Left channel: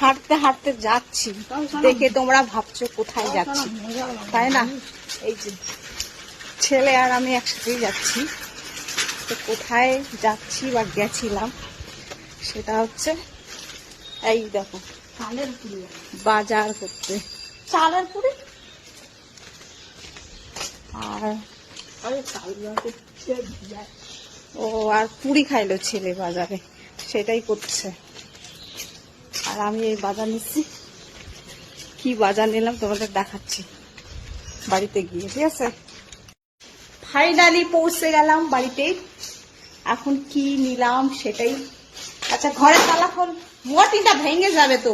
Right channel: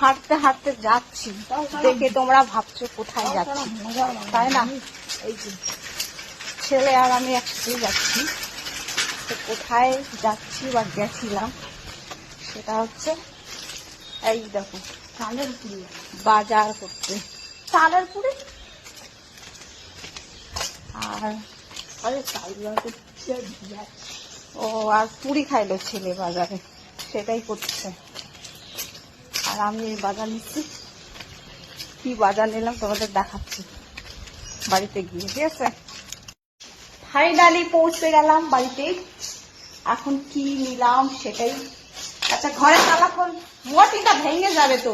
হাঁটতে হাঁটতে যাচ্ছি। দেখে তোমরা ভাবছ কোথায় যাচ্ছি। তাই না? এই যে ছেলে আর আমি একসাথেই যাচ্ছি। তো কোথায় যাচ্ছি বা গেছিলাম সেটা হচ্ছে এই দেখো চালের পুরি বাজার করতে। চালের পুরি আরে ও আর পুরি খাইলো ছেলে বাজারে সেটাই করছে। আর আমি এই বাজার নিচ্ছি। কি বাজার নিলাম তোমাদের দেখাচ্ছি। বাড়িতে গিয়ে, ঠিক আছে? ফাইনালি পৌঁছে গেলাম বাড়িতে। এখন কি নিলাম সেটাই। আচ্ছা ঘরে তালা খোল মোটিটা ভেঙে যাবে তো।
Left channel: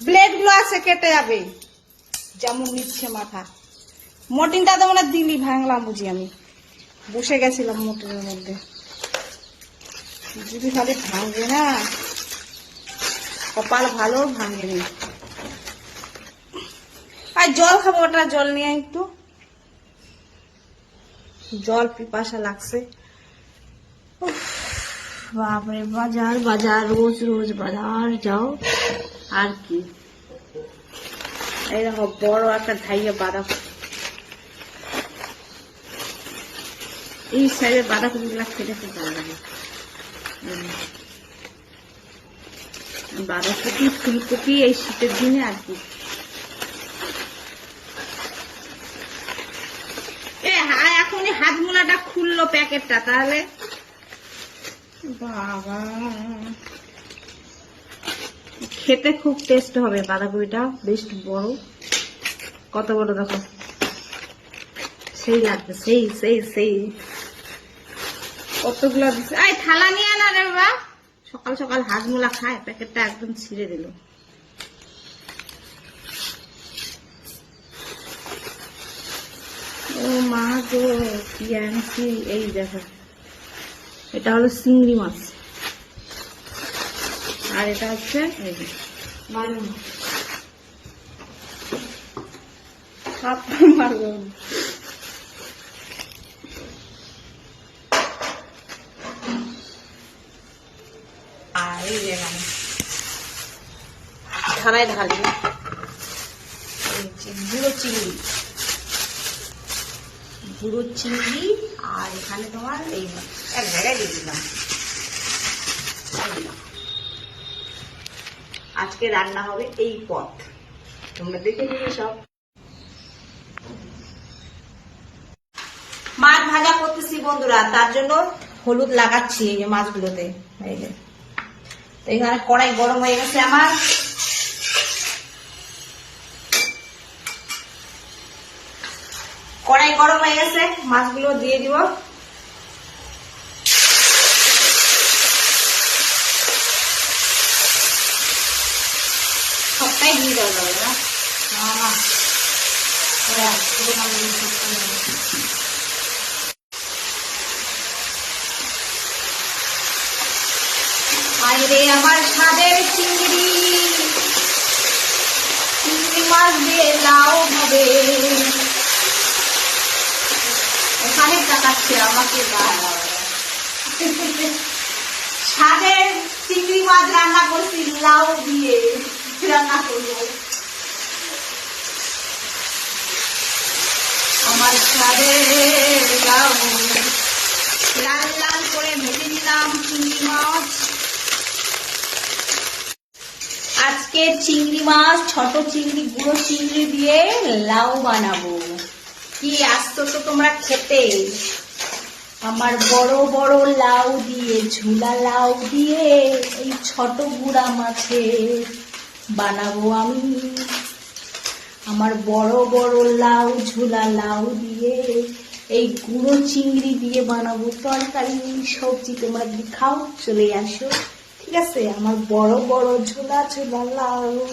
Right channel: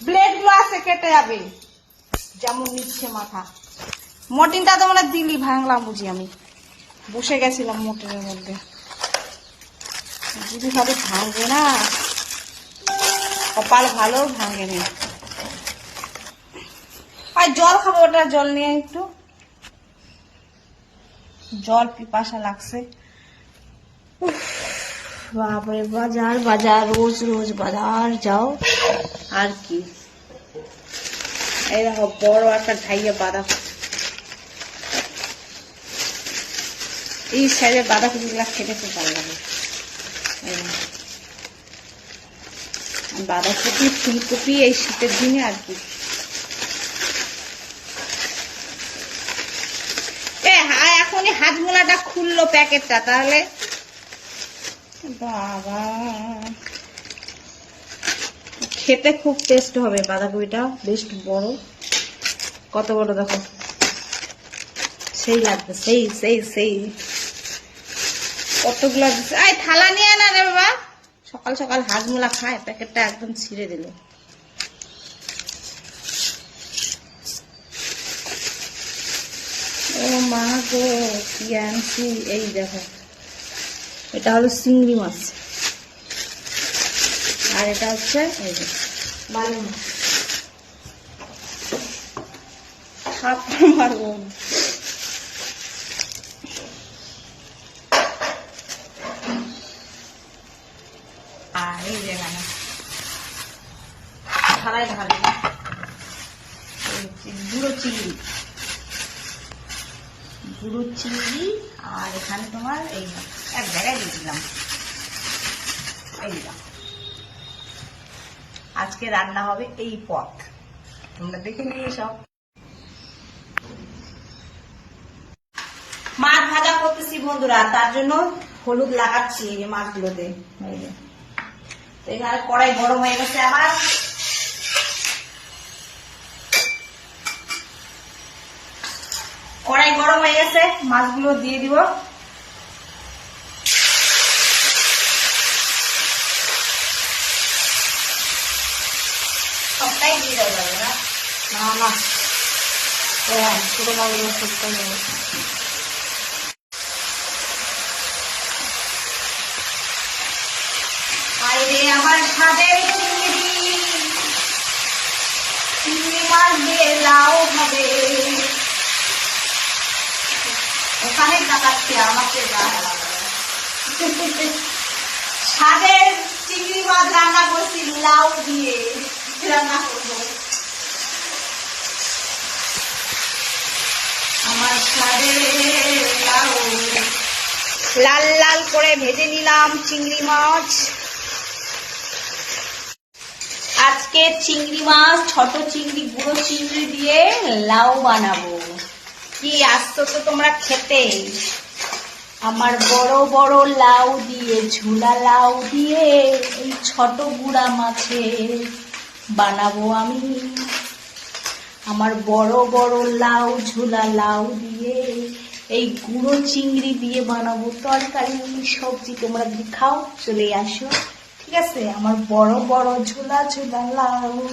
ব্লেডগুলো আছে, কেটে যাবে। যেমন নিচ্ছে মাথা। মটিনটা তো মানে দিলি, ভাঙলাম বুঝি আমি। বসে গেছিলাম মোটরের মধ্যে। যদি খালি ভাঙবে না, কপাল ভালো ভাঙে নি। আর জল খাব ওটা জল নিয়ে একটু। জল পিপাসা লাগছে। বাবারে বাজার বাজার, রোজ রোজ বাজার, যাও। আর কি। এই দেখো, বড় একটা ঢাইয়া বাঁধা এই সাইডে বাঁধাকপিগুলো খেতে খুব ভালো লাগে। বাঁধাকপি, ফুলকপি এই শীতের দিনে আর কি। এ এখনই হাজমোলাটা খুললো প্যাকেটটা, তাহলে। বাবা। খেতে খুব টেস্ট হবে বাঁধাকপিটা বেশ বড়। কত বড় দেখো। সেই লাগবে, সেই সেই সেই। কতগুলো দিচ্ছে আয়, থালা নিয়ে না রে বাবা। সকাল সকাল হাজমোলা খায়, প্যাকেটটা একদম ছিঁড়ে দিল। ও মা গো, কি আনছি? এই দেখো, এটা হলো চিংড়ি মাছ। আর এটা হচ্ছে, এই যে মারবো আর এই যে এখানে থালায় ঢালি। গুঁড়ো চিংড়ি গুঁড়ো চিংড়ি আর এখানে তোমার এই এক জায়গায় দিয়ে দিলাম। আজকে রান্না হবে এই পথ তোমরা দেখে নিয়ে সব মাছ ভাজা করতেছি বন্ধুরা, তার জন্য হলুদ লাগাচ্ছি এই যে মাছগুলোতে। এখানে কড়াই বড় হয়ে গেছে আমার। কড়াই গরম হয়ে গেছে, মাছগুলো দিয়ে দিব। সবটাই দিয়ে দেওয়া যাবে না আমার চিংড়ি চিংড়ি মাছ দিয়ে নাও ভাবে ওখানে লাল লাল করে ভেজে নিলাম চিংড়ি মাছ। আজকে চিংড়ি মাছ, ছোট চিংড়ি, গুঁড়ো চিংড়ি দিয়ে লাউ বানাবো। কি আসতো তো তোমরা খেতে। আমার বড় বড় লাউ দিয়ে, ঝুলা লাউ দিয়ে এই ছোট গুড়া মাছে বানাবো আমি। আমার বড় বড় লাউ, ঝুলা লাউ দিয়ে এই গুঁড়ো চিংড়ি দিয়ে বানাবো তরকারি, সবজি তোমরা যদি খাও চলে আসো। ঠিক আছে? আমার বড় বড় ঝোলা ঝোলা লাউ।